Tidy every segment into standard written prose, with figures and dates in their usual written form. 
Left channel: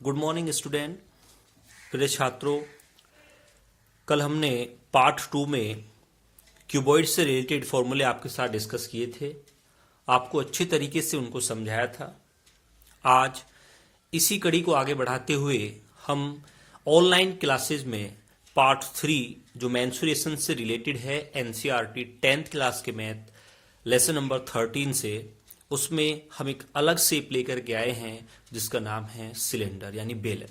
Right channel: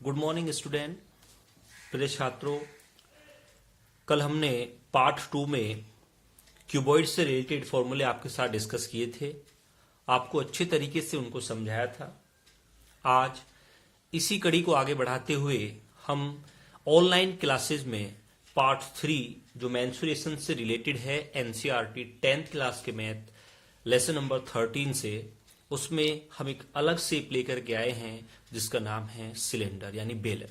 Good morning student. प्रिय छात्रों, कल हमने पार्ट 2 में क्यूबॉइड से रिलेटेड फॉर्मूले आपके साथ डिस्कस किए थे। आपको अच्छे तरीके से उनको समझाया था। आज इसी कड़ी को आगे बढ़ाते हुए हम ऑनलाइन क्लासेस में पार्ट 3 जो मेंसुरेशन से रिलेटेड है एनसीईआरटी 10th क्लास के मैथ लेसन नंबर 13 से, उसमें हम एक अलग शेप लेकर के आए हैं जिसका नाम है सिलेंडर यानी बेलन।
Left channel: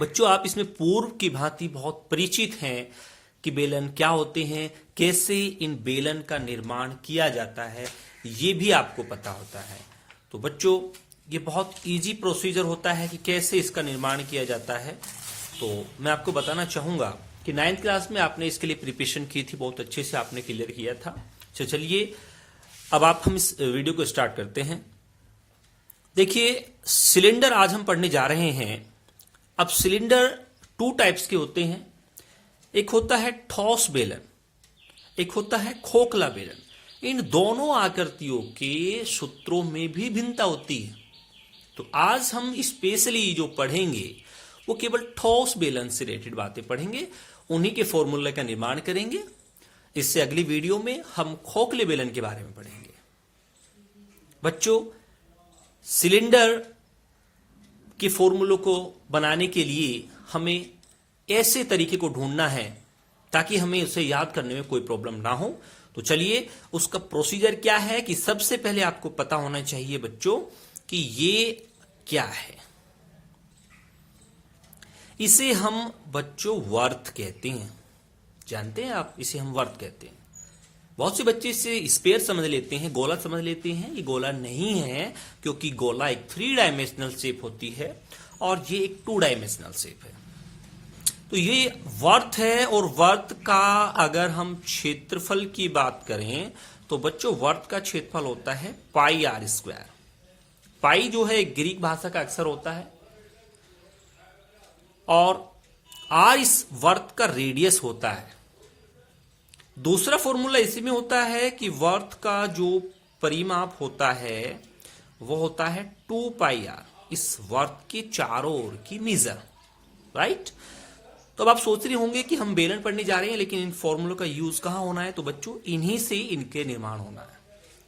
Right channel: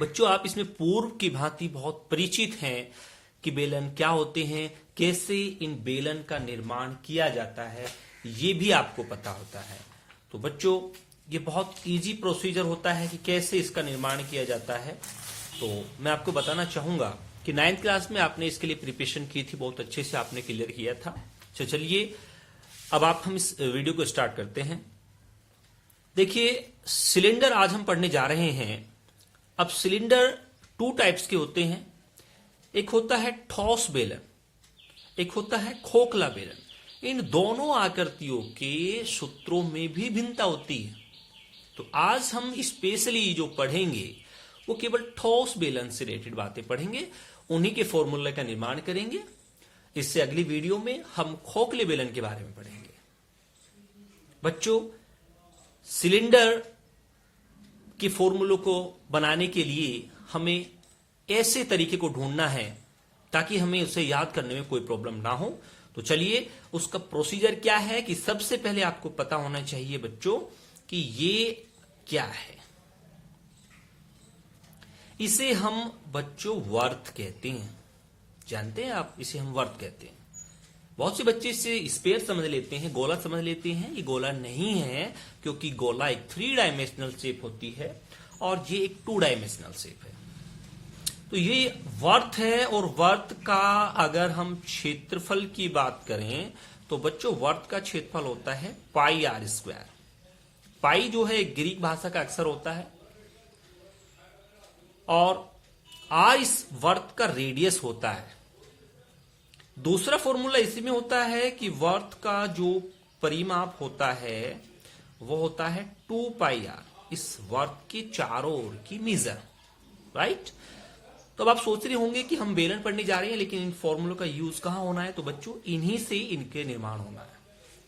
बच्चों, आप इसमें पूर्व की भांति बहुत परिचित हैं कि बेलन क्या होते हैं, कैसे इन बेलन का निर्माण किया जाता है, ये भी आपको पता होता है। तो बच्चों, ये बहुत इजी प्रोसीजर होता है कि कैसे इसका निर्माण किया जाता है। तो मैं आपको बताना चाहूंगा कि 9th क्लास में आपने इसके लिए प्रिपरेशन की थी, बहुत अच्छे से आपने क्लियर किया था। चलिए अब हम इस वीडियो को स्टार्ट करते हैं। देखिए, सिलेंडर आज हम पढ़ने जा रहे हैं। अब सिलेंडर 2 टाइप्स के होते हैं। एक होता है ठोस बेलन, एक होता है खोखला बेलन। इन दोनों आकृतियों के सूत्रों में भी भिन्नता होती है। तो आज हम स्पेशली जो पढ़ेंगे वो केवल ठोस बेलन से रिलेटेड बातें पढ़ेंगे, उन्हीं के फॉर्मूले का निर्माण करेंगे। इससे अगली वीडियो में हम खोखले बेलन के बारे में पढ़ेंगे। बच्चों, सिलेंडर के फॉर्मूलों को बनाने के लिए हमें ऐसे तरीके को ढूंढना है ताकि हमें उसे याद करने में कोई प्रॉब्लम ना हो। तो चलिए, उसका प्रोसीजर क्या है कि सबसे पहले आपको पता होना चाहिए बच्चों कि ये क्या है। इसे हम बच्चों वर्त कहते हैं। जानते हैं आप, इसे हम वर्त कहते हैं। बहुत से बच्चे इसे स्फीयर समझ लेते हैं, गोला समझ लेते हैं। ये गोला नहीं है, क्योंकि गोला एक 3 डायमेंशनल शेप होती है और ये एक 2 डायमेंशनल शेप है। तो ये वर्त है, और वर्त का अगर हम क्षेत्रफल की बात करें तो बच्चों वर्त का क्षेत्रफल होता है पाई आर स्क्वायर। पाई जो है एक ग्रीक भाषा का अक्षर होता है, और आर इस वर्त का रेडियस होता है। दूसरा फॉर्मूला इसी में होता है कि वर्त का जो परिमाप होता है वो होता है 2 पाई आर, इस वर्त के चारों ओर की मेजर। राइट। तो अब आप सोच रहे होंगे कि हम बेलन पढ़ने जा रहे हैं, लेकिन इन फॉर्मूलों का यूज कहां होना है? तो बच्चों इन्हीं से इनके निर्माण होना है।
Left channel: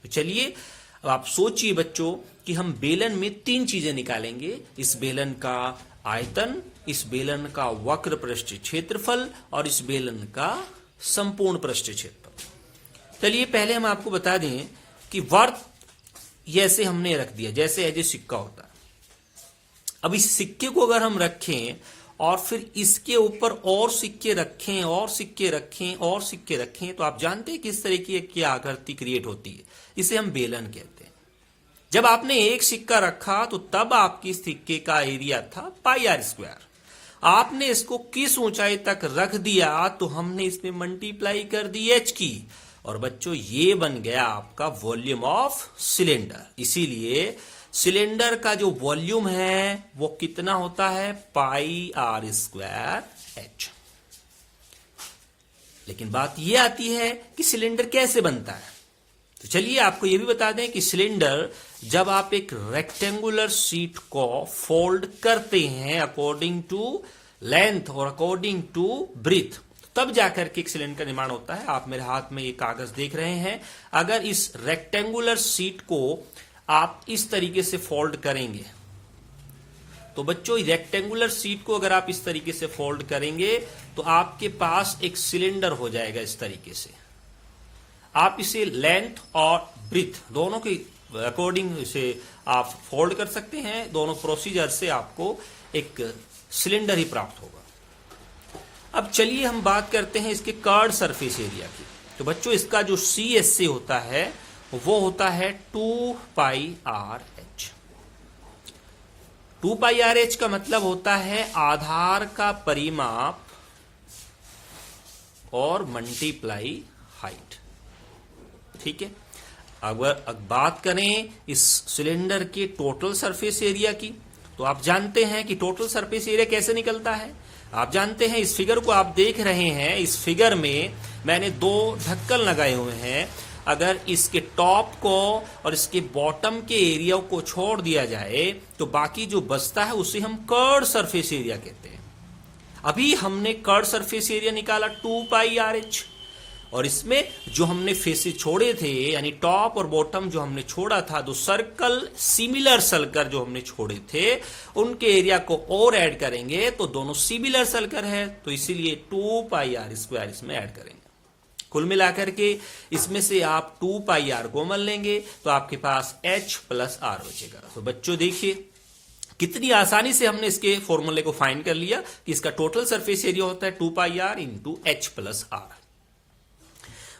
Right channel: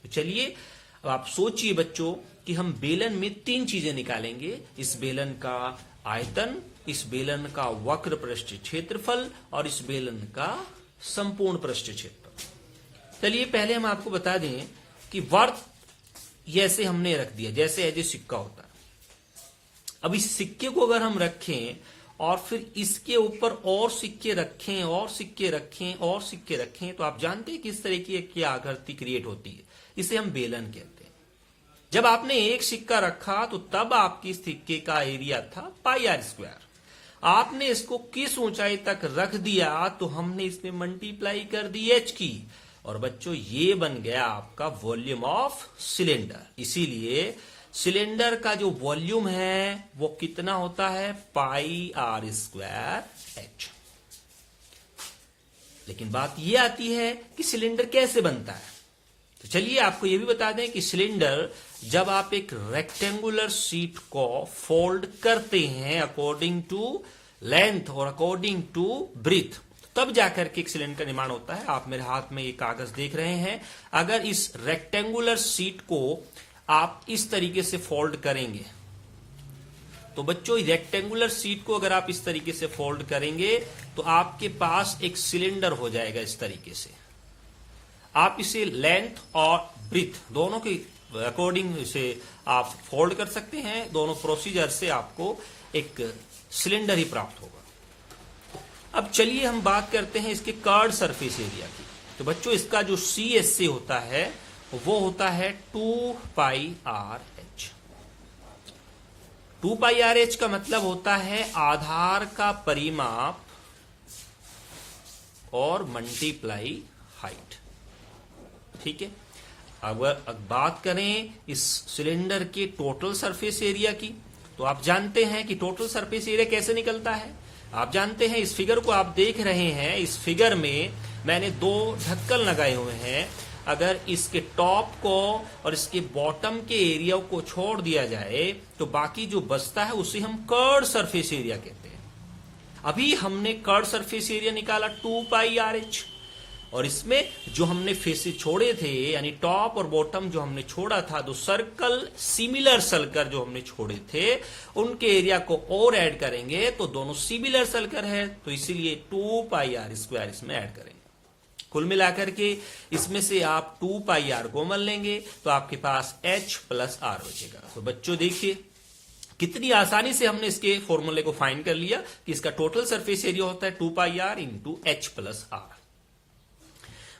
तो चलिए अब आप सोचिए बच्चों कि हम बेलन में 3 चीजें निकालेंगे। इस बेलन का आयतन, इस बेलन का वक्र पृष्ठीय क्षेत्रफल और इस बेलन का संपूर्ण पृष्ठीय क्षेत्रफल। चलिए पहले हम आपको बता दें कि वर्त जैसे हमने रख दिया, जैसे एज ए सिक्का होता है। अब इस सिक्के को अगर हम रखें और फिर इसके ऊपर और सिक्के रखें और सिक्के रखें और सिक्के रखें, तो आप जानते हैं किस तरह की आकृति क्रिएट होती है। इसे हम बेलन कहते हैं। जब आपने एक सिक्का रखा तो तब आपकी सिक्के का एरिया था पाई आर स्क्वायर। आपने इसको किस ऊंचाई तक रख दिया तो हमने इसमें मल्टीप्लाई कर दी एच की, और बच्चों ये बन गया आपका वॉल्यूम ऑफ सिलेंडर। इसीलिए सिलेंडर का जो वॉल्यूम है वो कितना होता है? पाई आर स्क्वायर एच। लेकिन बात ये आती है कि सिलेंडर कैसे बनता है। तो चलिए आपको ये भी बता दें कि सिलेंडर, जब आप एक रेक्टेंगुलर शीट को फोल्ड करते हैं अकॉर्डिंग टू लेंथ और अकॉर्डिंग टू ब्रीथ, तब जाकर के एक सिलेंडर का निर्माण होता है। आप मेरे हाथ में ये कागज देख रहे हैं। अगर इस रेक्टेंगुलर शीट को आप इस तरीके से फोल्ड करेंगे तो बच्चों रेक्टेंगुलर शीट को अगर आप इस तरीके से फोल्ड करेंगे तो आपके पास एक सिलेंडर हो जाएगा। इस तरीके से आप इसे लेंथ और ब्रीथ दोनों के अकॉर्डिंग से आप फोल्ड कर सकते हैं। दोनों प्रोसीजर से आपको एक सिलेंडर ही प्राप्त होगा। अब चलिए हम बात करते हैं इसके कर्व्ड सरफेस एरिया की। तो बच्चों इसका जो CSA होता है वो होता है 2 pi R H. 2 pi R H का मतलब होता है आधार का परिमाप और मल्टीप्लाई हाइट। ठीक है। अगर बात करें इस सिलेंडर के टोटल सरफेस एरिया की, तो आप जानते हैं कि टोटल सरफेस एरिया कैसे निकलता है। आप जानते हैं, इस फिगर को आप देख रहे हैं, इस फिगर में मैंने 2 ढक्कन लगाए हुए हैं। अगर इसके टॉप को और इसके बॉटम के एरिया को छोड़ दिया जाए तो बाकी जो बचता है उसे हम कर्ड सरफेस एरिया कहते हैं। अभी हमने कर्ड सरफेस एरिया निकाला 2 पाई आर एच, और इसमें जो हमने फेसेस छोड़े थे यानी टॉप और बॉटम जो हमने छोड़ा था, जो सर्कल सिमिलर सर्कल जो हमने छोड़े थे उनके एरिया को और ऐड करेंगे तो दोनों सिमिलर सर्कल है, तो इसीलिए 2 पाई आर स्क्वायर इसमें ऐड करेंगे। कुल मिलाकर के इसमें से आप 2 पाई आर कॉमन लेंगे तो आपके पास h प्लस आर बचेगा। तो बच्चों देखिए कितनी आसानी से हमने इसके फॉर्मूले को फाइंड कर लिया कि इसका टोटल सरफेस एरिया होता है 2 pi R into H plus R.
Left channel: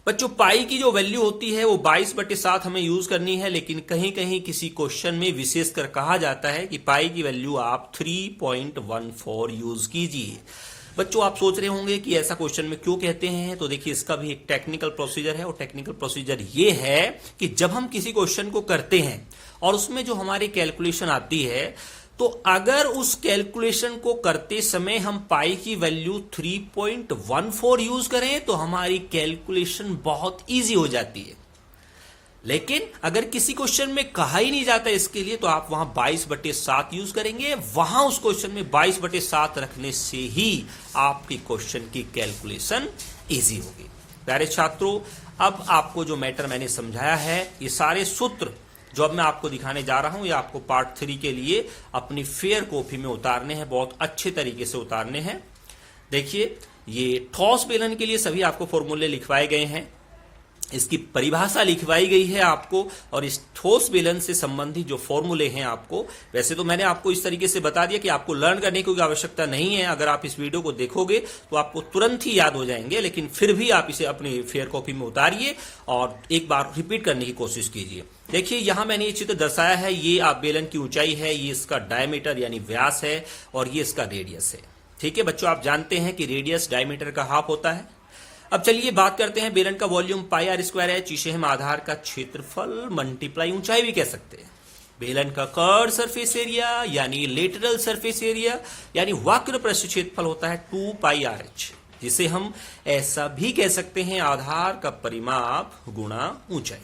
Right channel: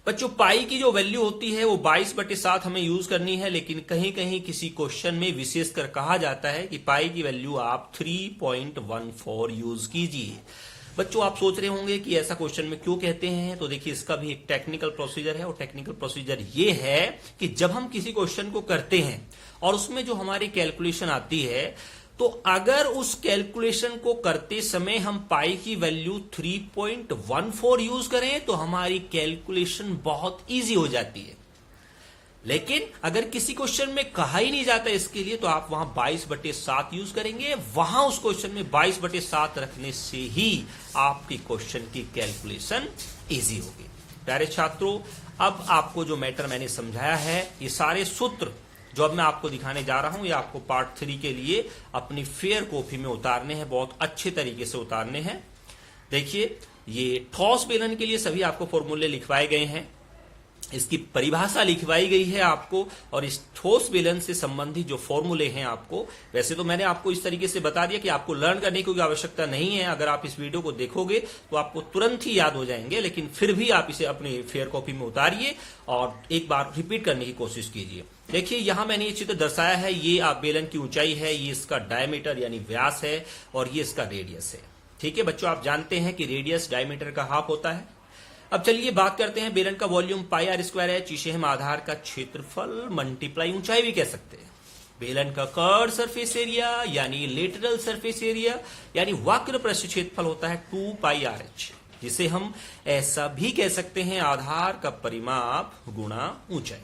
बच्चों पाई की जो वैल्यू होती है वो 22/7 हमें यूज करनी है, लेकिन कहीं कहीं किसी क्वेश्चन में विशेषकर कहा जाता है कि पाई की वैल्यू आप 3.14 यूज कीजिए। बच्चों आप सोच रहे होंगे कि ऐसा क्वेश्चन में क्यों कहते हैं, तो देखिए इसका भी एक टेक्निकल प्रोसीजर है, और टेक्निकल प्रोसीजर ये है कि जब हम किसी क्वेश्चन को करते हैं और उसमें जो हमारी कैलकुलेशन आती है, तो अगर उस कैलकुलेशन को करते समय हम पाई की वैल्यू 3.14 यूज करें तो हमारी कैलकुलेशन बहुत इजी हो जाती है। लेकिन अगर किसी क्वेश्चन में कहा ही नहीं जाता इसके लिए, तो आप वहां 22/7 यूज करेंगे। वहां उस क्वेश्चन में 22/7 रखने से ही आपकी क्वेश्चन की कैलकुलेशन इजी होगी। प्यारे छात्रों, अब आपको जो मैटर मैंने समझाया है, ये सारे सूत्र जो अब मैं आपको दिखाने जा रहा हूं, ये आपको पार्ट 3 के लिए अपनी फेयर कॉपी में उतारने हैं, बहुत अच्छे तरीके से उतारने हैं। देखिए ये ठोस बेलन के लिए सभी आपको फॉर्मूले लिखवाए गए हैं, इसकी परिभाषा लिखवाई गई है आपको, और इस ठोस बेलन से संबंधित जो फॉर्मूले हैं आपको, वैसे तो मैंने आपको इस तरीके से बता दिया कि आपको लर्न करने की कोई आवश्यकता नहीं है। अगर आप इस वीडियो को देखोगे तो आपको तुरंत ही याद हो जाएंगे, लेकिन फिर भी आप इसे अपनी फेयर कॉपी में उतारिए और एक बार रिपीट करने की कोशिश कीजिए। देखिए यहां मैंने एक चित्र दर्शाया है, ये आप बेलन की ऊंचाई है, ये इसका डायमीटर यानी व्यास है, और ये इसका रेडियस है। ठीक है बच्चों, आप जानते हैं कि रेडियस डायमीटर का हाफ होता है। अब चलिए बात करते हैं बेलन का वॉल्यूम पाई आर स्क्वायर है, जिसे हम आधार का क्षेत्रफल मल्टीप्लाई ऊंचाई भी कह सकते हैं। बेलन का कर्व सरफेस एरिया यानी लेटरल सरफेस एरिया यानी वक्र पृष्ठ क्षेत्रफल होता है 2 पाई आर एच, जिसे हम ऐसा भी कह सकते हैं आधार का परिमाप गुणा ऊंचाई।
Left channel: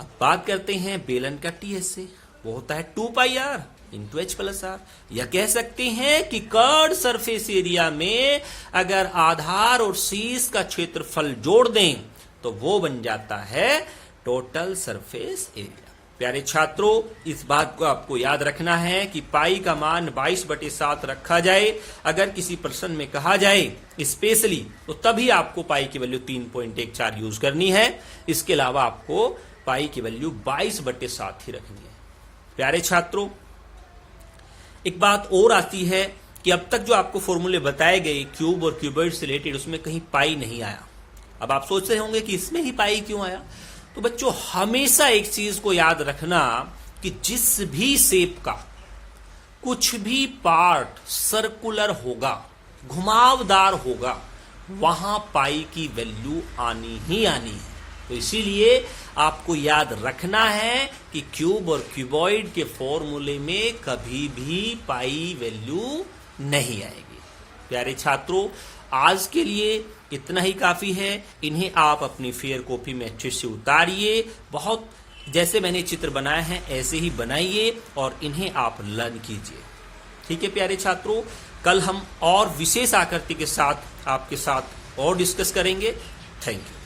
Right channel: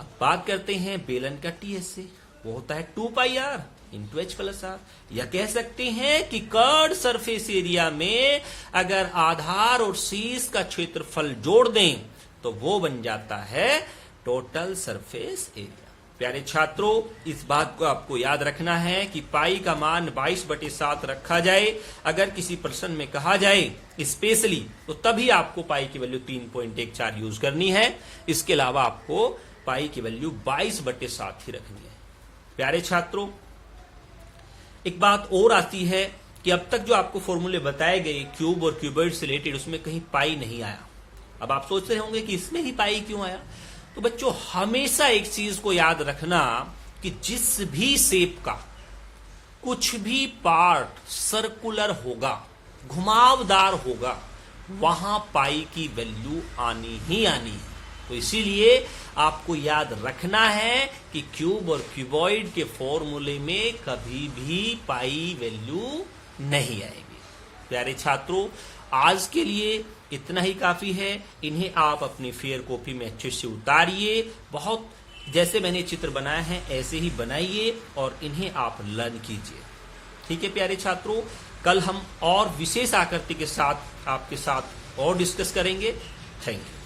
अब बात करते हैं बेलन का टीएस से, वो होता है 2 pi R into H plus R, या कह सकते हैं कि कर्ड सरफेस एरिया में अगर आधार और शीर्ष का क्षेत्रफल जोड़ दें तो वो बन जाता है टोटल सरफेस एरिया। प्यारे छात्रों, इस बात को आपको याद रखना है कि पाई का मान 22/7 रखा जाए। अगर किसी प्रश्न में कहा जाए स्पेशली, तो तभी आपको पाई की वैल्यू 3.14 यूज करनी है। इसके अलावा आपको पाई की वैल्यू 22/7 ही रखनी है। प्यारे छात्रों, एक बात और आती है कि अब तक जो आपको फॉर्मूले बताए गए क्यूब और क्यूबॉइड से रिलेटेड, उसमें कहीं पाई नहीं आया। अब आप सोच रहे होंगे कि इसमें ही पाई क्यों आया। तो बच्चों हमेशा एक चीज को याद रखना कि जिस भी शेप का कुछ भी पार्ट सर्कुलर होगा, घुमावदार होगा, वहां पाई की वैल्यू आनी ही आनी है। तो इसीलिए आपको याद रखना है कि क्यूब और क्यूबॉइड के फॉर्मूले में कभी भी पाई वैल्यू नहीं आएगी। प्यारे छात्रों, आज के लिए इतना ही काफी है। इन्हें आप अपनी फेयर कॉपी में अच्छे से उतारिए, बहुत जैसे मैंने चित्र बनाए हैं ऐसे ही बनाइए और इन्हें आप लर्न कीजिए। ठीक है प्यारे छात्रों, कल हम और विशेष आकृति के साथ आपके साथ और डिस्कस करेंगे। Thank you.